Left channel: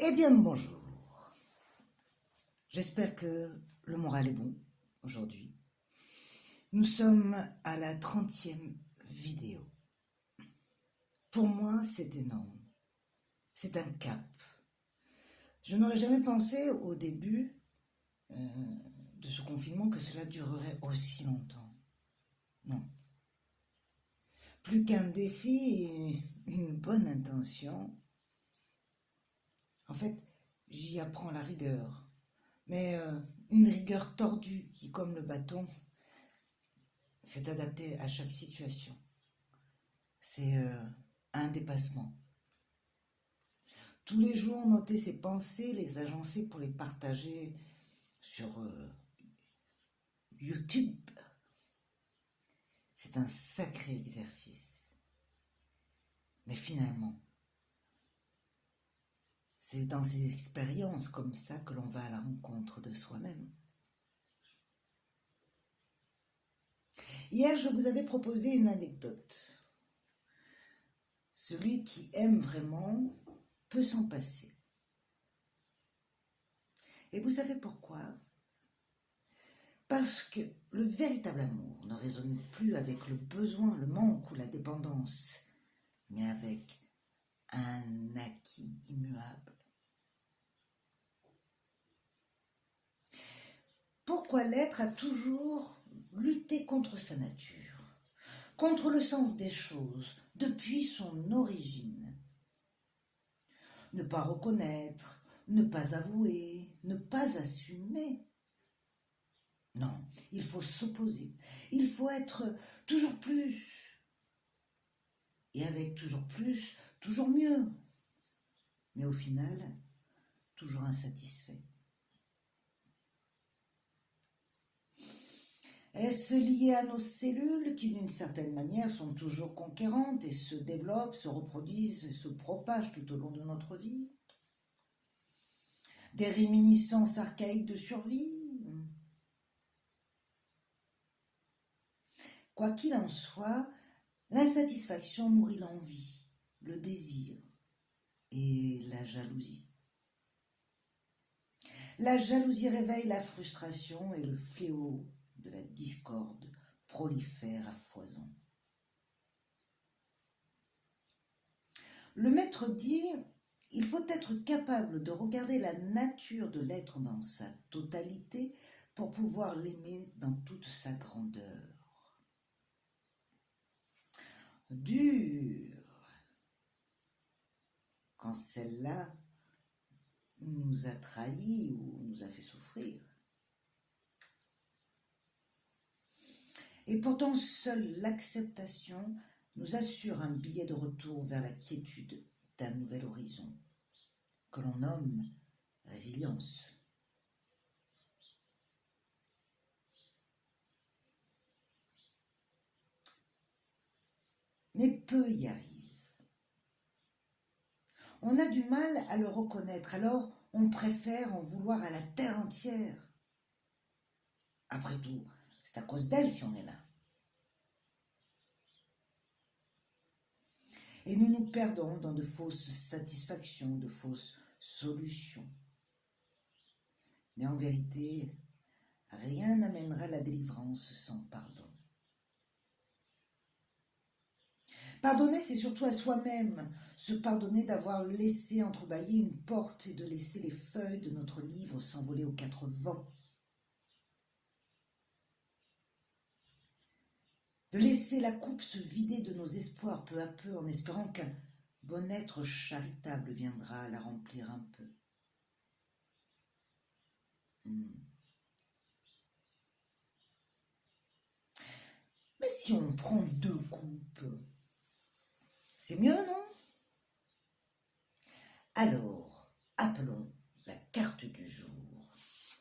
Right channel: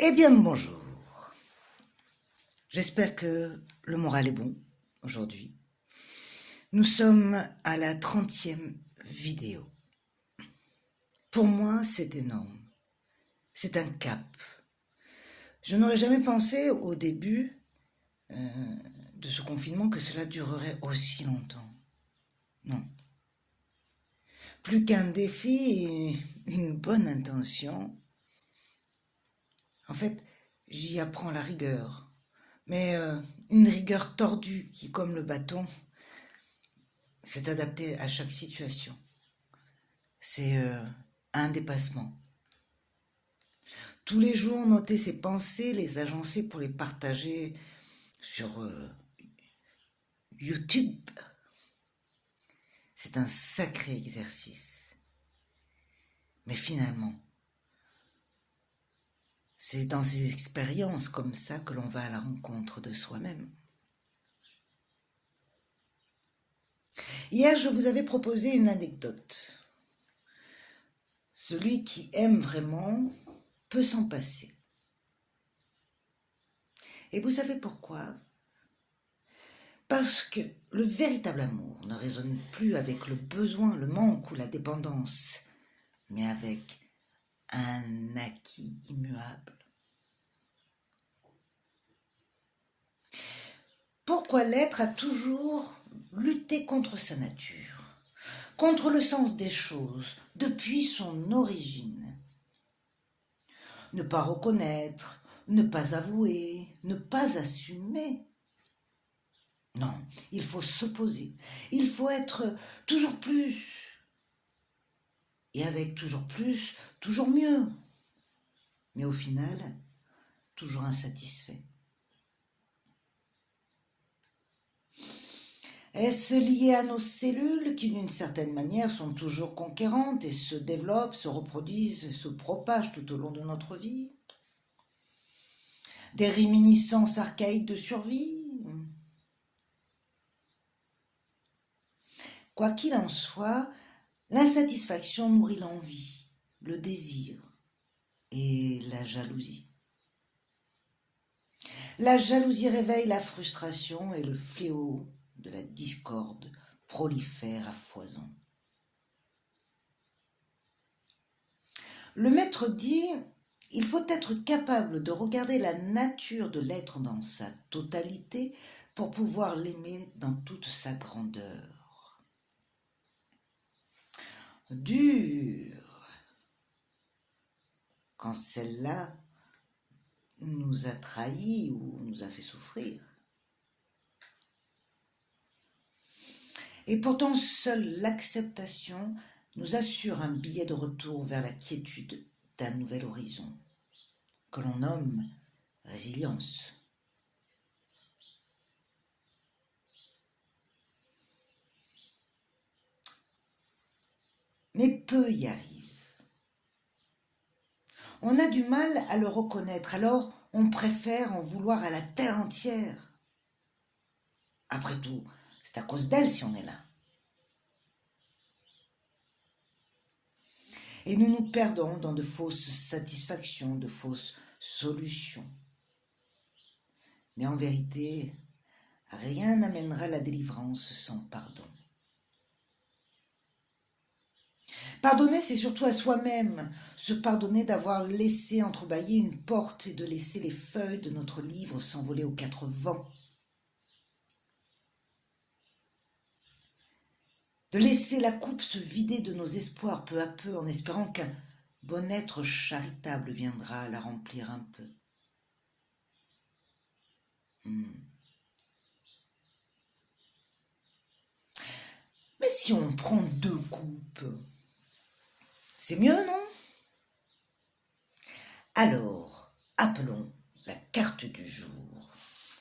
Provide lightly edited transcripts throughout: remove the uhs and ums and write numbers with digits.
Eh bien, bonjour. J'espère que le moral est bon aujourd'hui. Nous sommes à la 30e vidéo. Pour moi, c'est énorme. C'est un cap. Je n'aurais jamais pensé au début de ce confinement que cela durerait aussi longtemps. Non. Plus qu'un défi et une bonne intention. En fait, j'y apprends la rigueur. Mais une rigueur tordue qui, comme le bâton, s'est adaptée à chaque situation. C'est un dépassement. Tous les jours, noter ses pensées, les agencer pour les partager sur YouTube. C'est un sacré exercice. Mais finalement, c'est dans ces expériences comme ça que l'on va à la rencontre de soi-même. Hier, je vous avais proposé une anecdote. Celui qui aime vraiment peut s'en passer. Et vous savez pourquoi ? Parce que le véritable amour ne résonne plus avec le besoin, le manque ou la dépendance, mais avec un acquis immuable. Pourquoi l'être a toujours lutté contre sa nature, contre le sens des choses, depuis son origine. Ne pas reconnaître, ne pas avouer, ne pas assumer. Non, il faut s'opposer, il faut être toujours plus, et avec toujours plus, toujours mieux, mais au final, toujours insatisfait. Est-ce lié à nos cellules qui, d'une certaine manière, sont toujours conquérantes et se développent, se reproduisent, se propagent tout au long de notre vie ? Des réminiscences archaïques de survie ? Quoi qu'il en soit, l'insatisfaction nourrit l'envie, le désir et la jalousie. La jalousie réveille la frustration et le fléau de la discorde prolifère à foison. Le maître dit, il faut être capable de regarder la nature de l'être dans sa totalité pour pouvoir l'aimer dans toute sa grandeur. Dur, quand celle-là nous a trahis ou nous a fait souffrir. Et pourtant, seule l'acceptation nous assure un billet de retour vers la quiétude d'un nouvel horizon, que l'on nomme résilience. Mais peu y arrivent. On a du mal à le reconnaître, alors on préfère en vouloir à la terre entière. Après tout, c'est à cause d'elle si on est là. Et nous nous perdons dans de fausses satisfactions, de fausses solutions. Mais en vérité, rien n'amènera la délivrance sans pardon. Pardonner, c'est surtout à soi-même, se pardonner d'avoir laissé entrebâiller une porte et de laisser les feuilles de notre livre s'envoler aux quatre vents. De laisser la coupe se vider de nos espoirs peu à peu en espérant qu'un bon être charitable viendra la remplir un peu. Mais si on prend deux coupes, c'est mieux, non ? Alors, appelons la carte du jour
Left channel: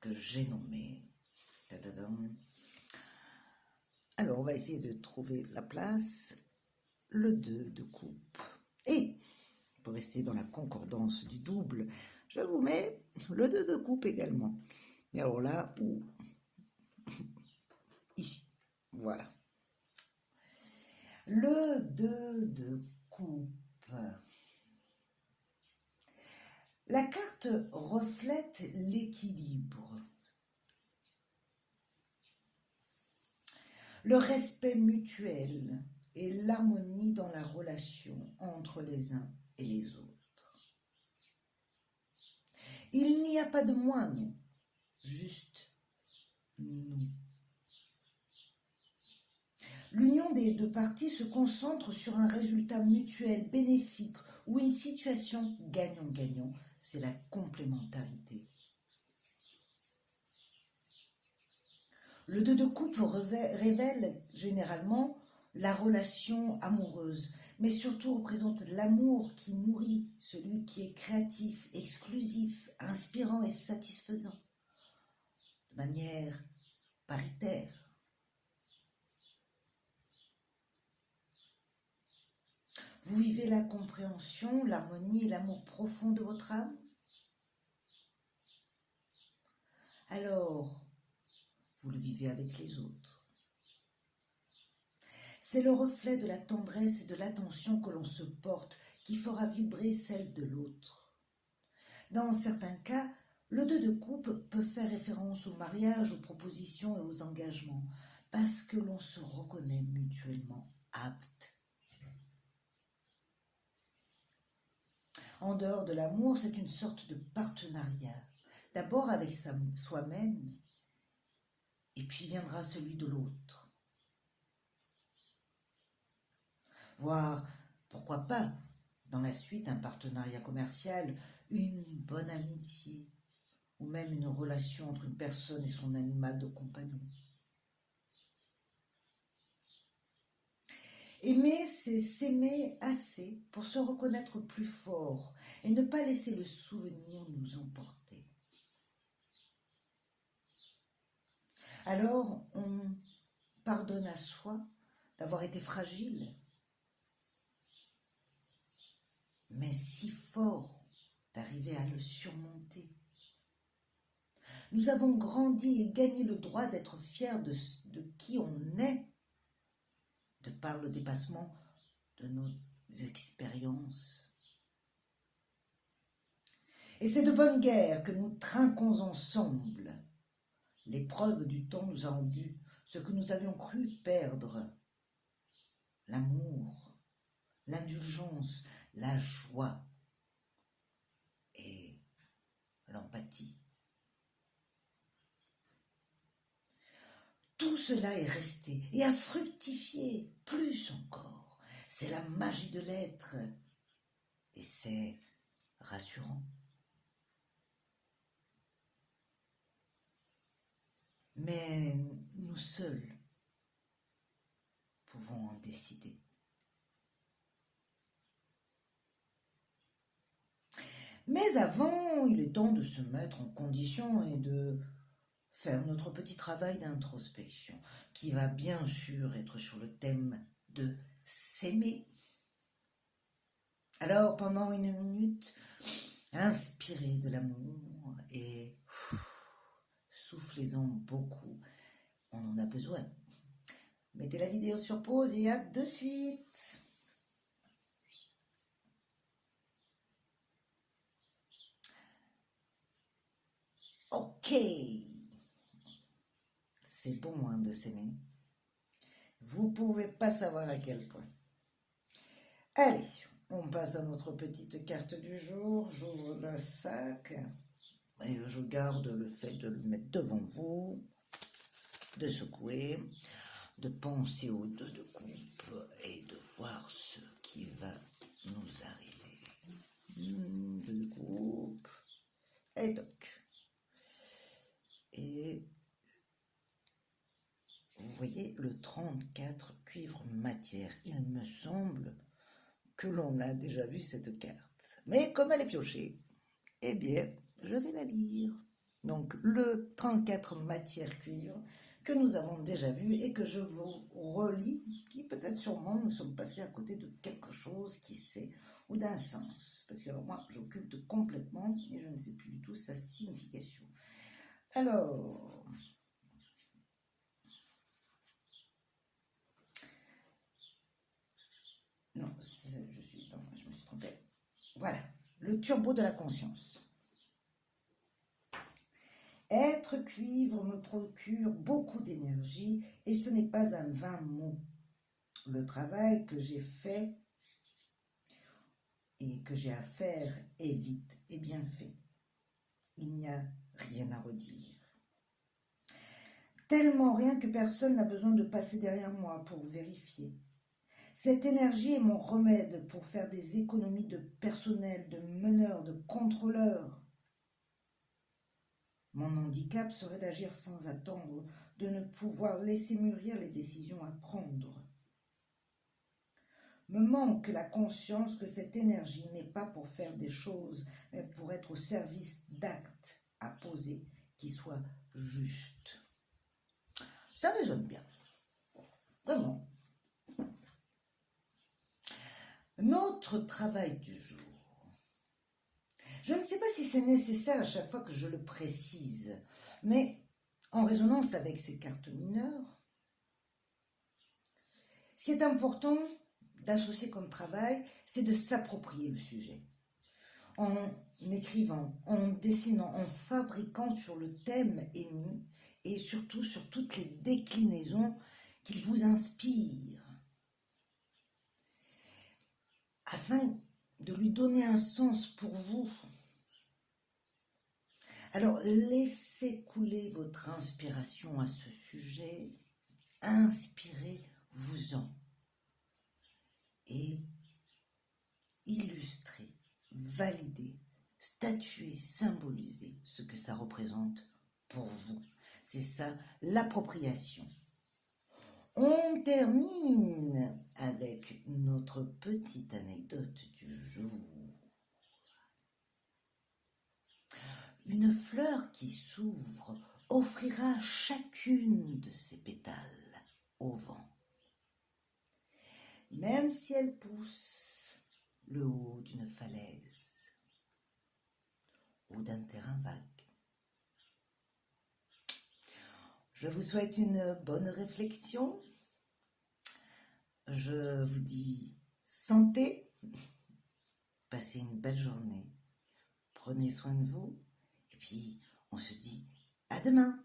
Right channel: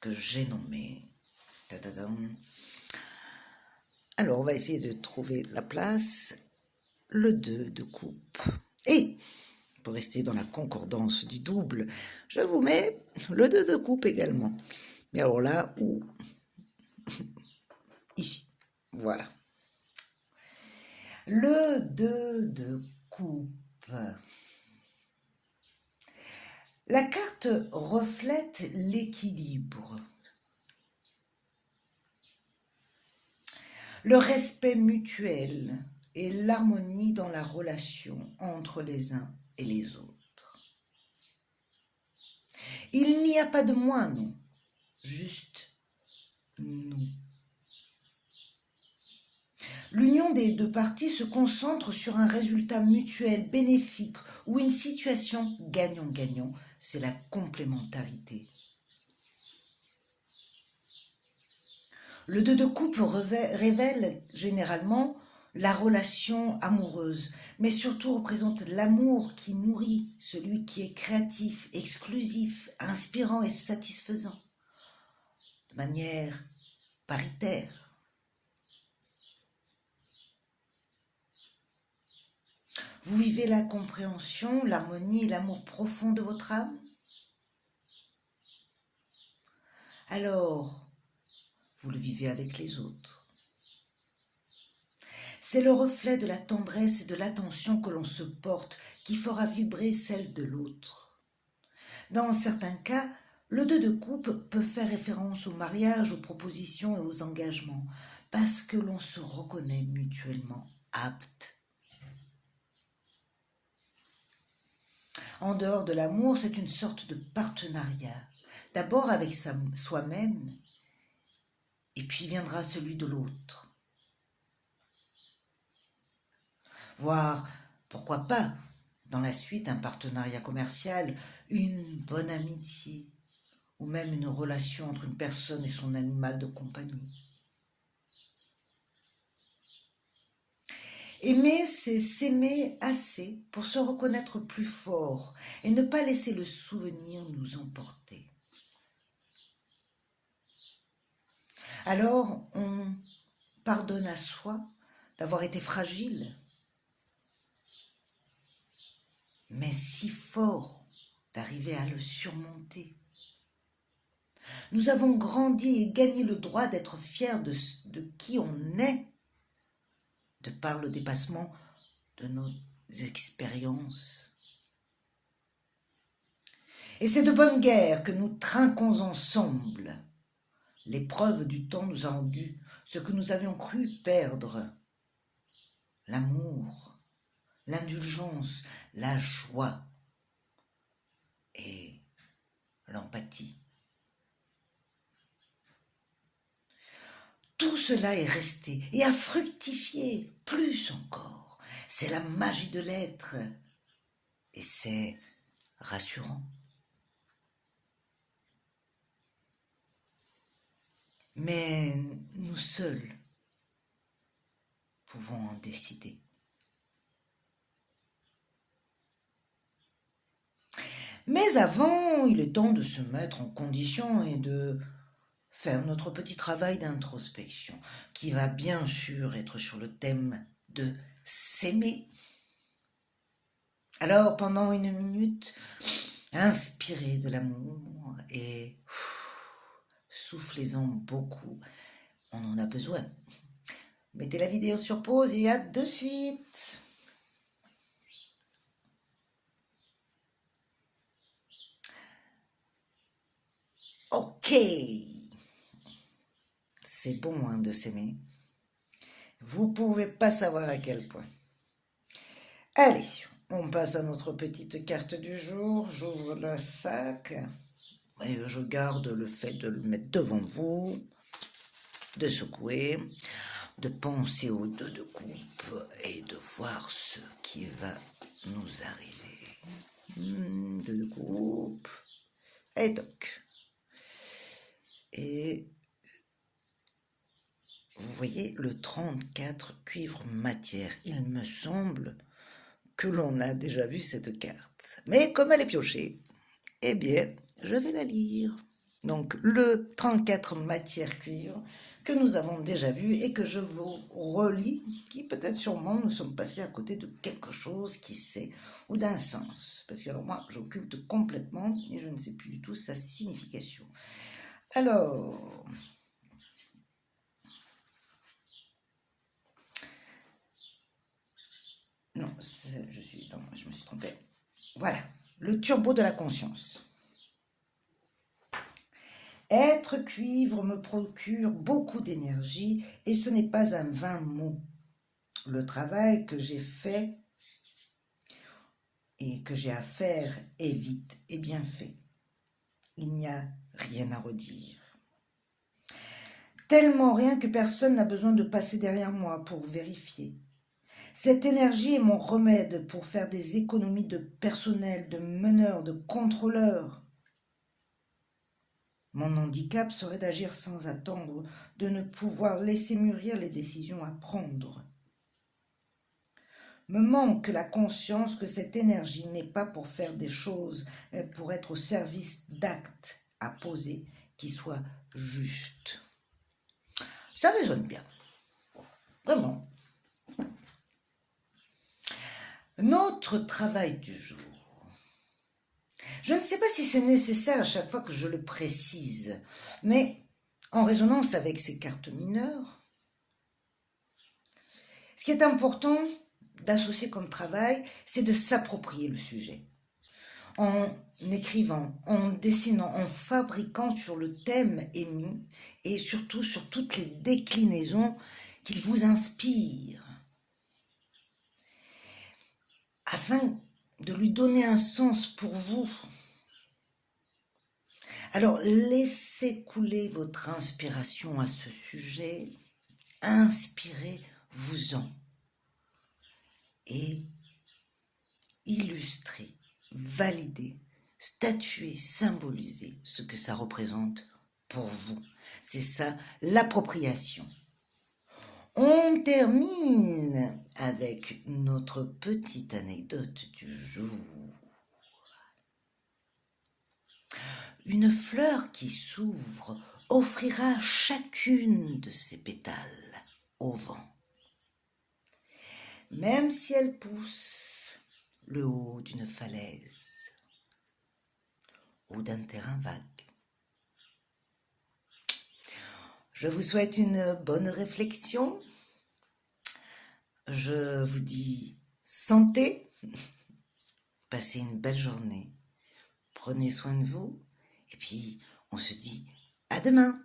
que j'ai nommée. Tadadam. Alors, on va essayer de trouver la place. Le 2 de coupe. Et, pour rester dans la concordance du double, je vous mets le 2 de coupe également. Mais alors là, où ? Ici. Voilà. Le 2 de coupe. La carte reflète l'équilibre, le respect mutuel et l'harmonie dans la relation entre les uns et les autres. Il n'y a pas de moi, non, juste nous. L'union des deux parties se concentre sur un résultat mutuel bénéfique ou une situation gagnant-gagnant, c'est la complémentarité. Le 2 de coupe révèle généralement la relation amoureuse, mais surtout représente l'amour qui nourrit, celui qui est créatif, exclusif, inspirant et satisfaisant, de manière paritaire. Vous vivez la compréhension, l'harmonie et l'amour profond de votre âme? Alors, vous le vivez avec les autres. C'est le reflet de la tendresse et de l'attention que l'on se porte qui fera vibrer celle de l'autre. Dans certains cas, le 2 de coupe peut faire référence au mariage, aux propositions et aux engagements, parce que l'on se reconnaît mutuellement apte. En dehors de l'amour, c'est une sorte de partenariat, d'abord avec soi-même, et puis viendra celui de l'autre. Voire, pourquoi pas, dans la suite, un partenariat commercial, une bonne amitié, ou même une relation entre une personne et son animal de compagnie. Aimer, c'est s'aimer assez pour se reconnaître plus fort et ne pas laisser le souvenir nous emporter. Alors, on pardonne à soi d'avoir été fragile, mais si fort d'arriver à le surmonter. Nous avons grandi et gagné le droit d'être fiers de qui on est, de par le dépassement de nos expériences. Et c'est de bonne guerre que nous trinquons ensemble. L'épreuve du temps nous a rendu ce que nous avions cru perdre. L'amour, l'indulgence, la joie et l'empathie. Tout cela est resté et a fructifié plus encore. C'est la magie de l'être et c'est rassurant. Mais nous seuls pouvons en décider. Mais avant, il est temps de se mettre en condition et de faire notre petit travail d'introspection, qui va bien sûr être sur le thème de s'aimer. Alors, pendant 1 minute, inspirez de l'amour et soufflez-en beaucoup. On en a besoin. Mettez la vidéo sur pause et à de suite. Ok. C'est bon hein, de s'aimer. Vous pouvez pas savoir à quel point. Allez, on passe à notre petite carte du jour. J'ouvre le sac. Et je garde le fait de le mettre devant vous, de secouer, de penser aux 2 de coupe et de voir ce qui va nous arriver. 2 de coupe. Et toc. Et vous voyez le 34 cuivre matière. Il me semble que l'on a déjà vu cette carte. Mais comme elle est piochée, eh bien, je vais la lire. Donc, le 34 matière cuivre que nous avons déjà vu et que je vous relis, qui peut-être sûrement nous sommes passés à côté de quelque chose, qui sait, ou d'un sens. Parce que alors moi, j'occulte complètement et je ne sais plus du tout sa signification. Alors, non, je me suis trompée. Voilà, le turbo de la conscience. Être cuivre me procure beaucoup d'énergie et ce n'est pas un vain mot. Le travail que j'ai fait et que j'ai à faire est vite et bien fait. Il n'y a rien à redire. Tellement rien que personne n'a besoin de passer derrière moi pour vérifier. Cette énergie est mon remède pour faire des économies de personnel, de meneurs, de contrôleurs. Mon handicap serait d'agir sans attendre, de ne pouvoir laisser mûrir les décisions à prendre. Me manque la conscience que cette énergie n'est pas pour faire des choses, mais pour être au service d'actes à poser qui soient justes. Ça résonne bien, vraiment. Notre travail du jour. Je ne sais pas si c'est nécessaire à chaque fois que je le précise, mais en résonance avec ces cartes mineures, ce qui est important d'associer comme travail, c'est de s'approprier le sujet. En écrivant, en dessinant, en fabriquant sur le thème émis et surtout sur toutes les déclinaisons qu'il vous inspire, afin de lui donner un sens pour vous. Alors, laissez couler votre inspiration à ce sujet, inspirez-vous-en et illustrez, validez, statuez, symbolisez ce que ça représente pour vous. C'est ça, l'appropriation. On termine avec notre petite anecdote du jour. Une fleur qui s'ouvre offrira chacune de ses pétales au vent. Même si elle pousse le haut d'une falaise ou d'un terrain vague. Je vous souhaite une bonne réflexion. Je vous dis santé. Passez une belle journée. Prenez soin de vous. Et puis, on se dit à demain.